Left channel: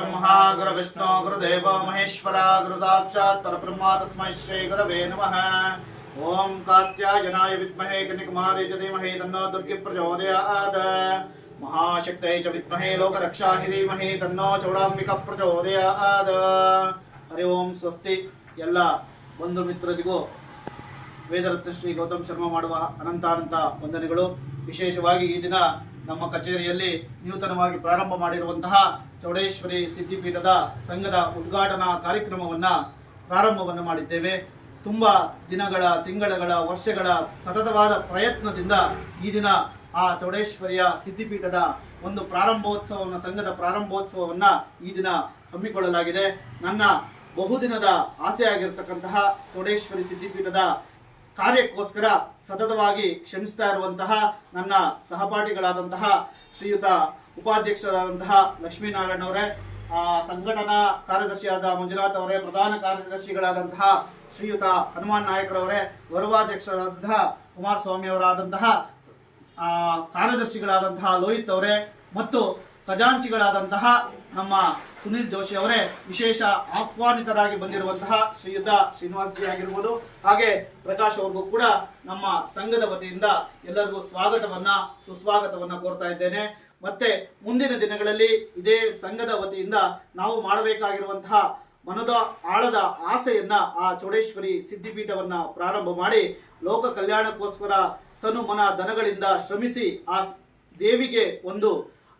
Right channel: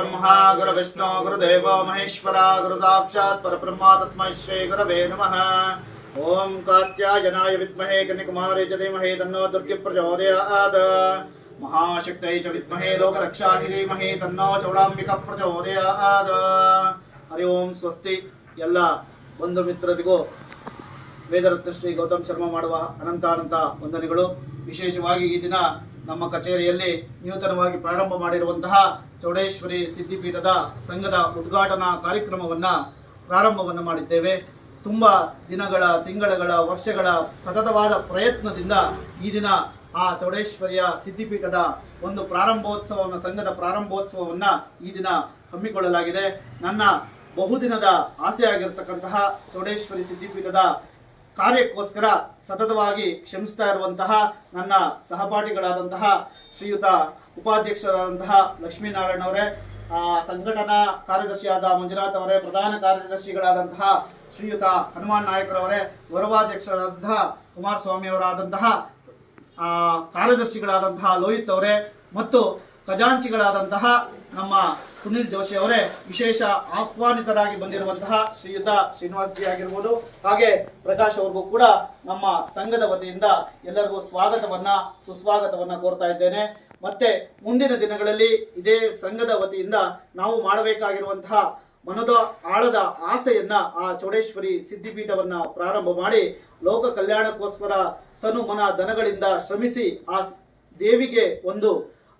ब्रह्मा गुरु विष्णु गुरुदेव महेश्वर गुरु साक्षात् परब्रह्म तस्मै श्री गुरवे नमः। ओम कात्यायनाय विद्महे कन्याकुमारी च धीमहि तन्नो दुर्गे प्रचोदयात्। महाशक्त्यै च विद्महे लोकरक्षायै धीमहि तन्नो चौडाम्बिका प्रचोदयात्। हरि ओम स्वस्ति। ಎಲ್ಲ ಬಂಧು ಮಿತ್ರರಿಗೂ ವೇದರತ್ನ ಶ್ರೀ ಗೌತಮ್ ಶರ್ಮಾ ಮಾಡುವ ಅನಂತ ವಂದನೆಗಳು। ವಿಶೇಷವಾಗಿ ಈ ದಿನ ನಮ್ಮ ಕಚೇರಿಯಲ್ಲಿ ನೂತನವಾಗಿ ಪ್ರಾರಂಭ ಮಾಡಿರುವಂತಹ ಚೌಡೇಶ್ವರಿ ಸಿದ್ಧಿಪೀಠದ ಸಂಘದ ಉದ್ಘಾಟನಾ ಕಾರ್ಯಕ್ರಮವನ್ನು ಪ್ರಾರಂಭವನ್ನು ಮಾಡಿದ್ದೇವೆ। ತುಂಬಾ ದಿನಗಳ ತಿಂಗಳ ವರ್ಷಗಳ ಸತತವಾದ ಪ್ರಯತ್ನದಿಂದ ಈ ದಿನ ಆ ಚೌಡೇಶ್ವರಿಯ ಸಿದ್ಧಿಪೀಠದ ಒಂದು ಪ್ರಾರಂಭೋತ್ಸವವನ್ನು ಸಂಘದ ಪ್ರಾರಂಭೋತ್ಸವವನ್ನು ಈ ದಿನ ಹಮ್ಮಿಕೊಳ್ಳಲಾಗಿದೆ। ನನ್ನ ಬಹುದಿನದ ಆಸೆ ಆಗಿರತಕ್ಕಂತಹ ಚೌಡೇಶ್ವರಿ ಸಿದ್ಧಿಪೀಠದ ಕಾರ್ಯಕ್ಕೋಸ್ಕರ ಸತತವಾಗಿ ಶ್ರಮಿಸ್ತಾ ಇರುವಂತಹ ನನ್ನ ಸಹಪಾಠಿಗಳಾದಂತಹ ಶ್ರೀಯುತ ಉಪಾಧ್ಯಕ್ಷರಾದಂತಹ ಲಕ್ಷ್ಮೀನಾರಾಯಣ ಅವರೇ, ಸಂಘಟನಾ ಕಾರ್ಯದರ್ಶಿಯಾದ ಮಂಜುನಾಥ್ ಅವರೇ, ಪ್ರಧಾನ ಕಾರ್ಯದರ್ಶಿಗಳಾದಂತಹ ಶ್ರೀಯುತ ಹನುಮಾನ್ ನಾಯಕರವರೇ, ಗೌರವಾಧ್ಯಕ್ಷರಾದಂತಹ ಕುಮಾರಸ್ವಾಮಿ ಅವರಾದಂತಹ ಕಾರ್ಯದರ್ಶಿಗಳಾದಂತಹ ಲೋಹಿತ್ ಅವರೇ ಮತ್ತು ಖಜಾಂಚಿಗಳಾದಂತಹ ನಮ್ಮ ಸುನಿಲ್ ಜೋಶಿ ಅವರೇ, ವಿಶೇಷ ಆಹ್ವಾನಿತರಾಗಿ ಬಂದಿರುವಂತಹ ಶ್ರೀಯುತ ಶ್ರೀನಿವಾಸ್ ಜಿ ಆಗಿರ್ಬೋದು, ಹಾಗೆ ಪ್ರಕಾಶ್ ಅವ್ರಿಗೂ ಕೂಡ ನಮ್ಮ ಸಂಘದ ವತಿಯಿಂದ ಎಲ್ಲರಿಗೂ ಸುಸ್ವಾಗತವನ್ನ ಕೋರ್ತಾ ಇದ್ದೇನೆ। ಮತ್ತೆ ಮುಂದಿನ ದಿನಗಳಲ್ಲಿ ಇದೇ ಸಂಘದ ವತಿಯಿಂದ ನಾವು ಮಾಡಬೇಕಾಗಿರುವಂತಹ ಮನದ ಆಳದ ಆಸೆಯನ್ನ ಆ ಚೌಡೇಶ್ವರಿ ಸಿದ್ಧಿಪೀಠವನ್ನ ಪ್ರಾರಂಭ ಮಾಡಿ ಲೋಕ ಕಲ್ಯಾಣಕ್ಕೋಸ್ಕರ ತನು ಮನ ಧನಗಳಿಂದ ಶ್ರಮಿಸಿ ಆ ದೇವಿಗೆ ಒಂದು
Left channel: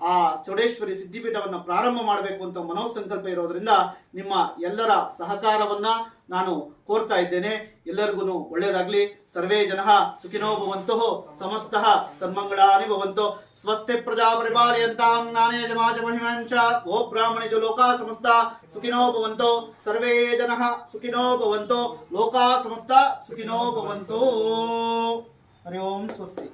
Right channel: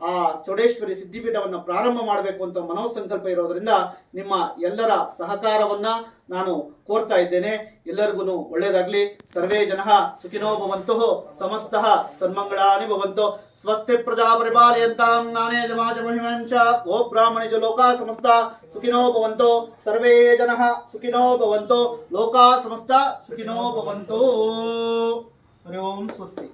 ಆ ಚೌಡೇಶ್ವರಿ ಸಿದ್ಧಿಪೀಠವನ್ನು ಪ್ರಾರಂಭ ಮಾಡಬೇಕು ಅಂತ ಮನೋಸಂಕಲ್ಪ ಇರೋದ್ರಿಂದ ನಿಮ್ಮ ಎಲ್ಲರ ಸಹಕಾರವನ್ನ ನಾನು ಕೋರ್ತಾ ಇದ್ದೇನೆ। ಎಲ್ಲರಿಗೂ ಒಳ್ಳೆಯದಾಗಲಿ। ಸರ್ವೇ ಜನಃ ಸುಖಿನೋ ಭವಂತು, ಸಮಸ್ತಃ ಸನ್ಮಂಗಳಾನಿ ಭವಂತು। ಸ್ವಸ್ತಿ ಪ್ರಜಾ ಪರಿಪಾಲಯಂತಾಂ ನಾನೇ ಜಮಾಚ ಮಹಿಮಾಂಚ ಗೋ ಬ್ರಾಹ್ಮಣೇಜ ಲೋಕಾ ಸಮಸ್ತ ಸುಖಿನೋ ಭವಂತು। ಸರ್ವೇ ಜನಃ ಸುಖಿನೋ ಭವಂತು, ಲೋಕಾ ಸಮಸ್ತ ಸುಖಿನೋ ಭವಂತು। ಹರಿ ಓಂ ಸ್ವಸ್ತಿ।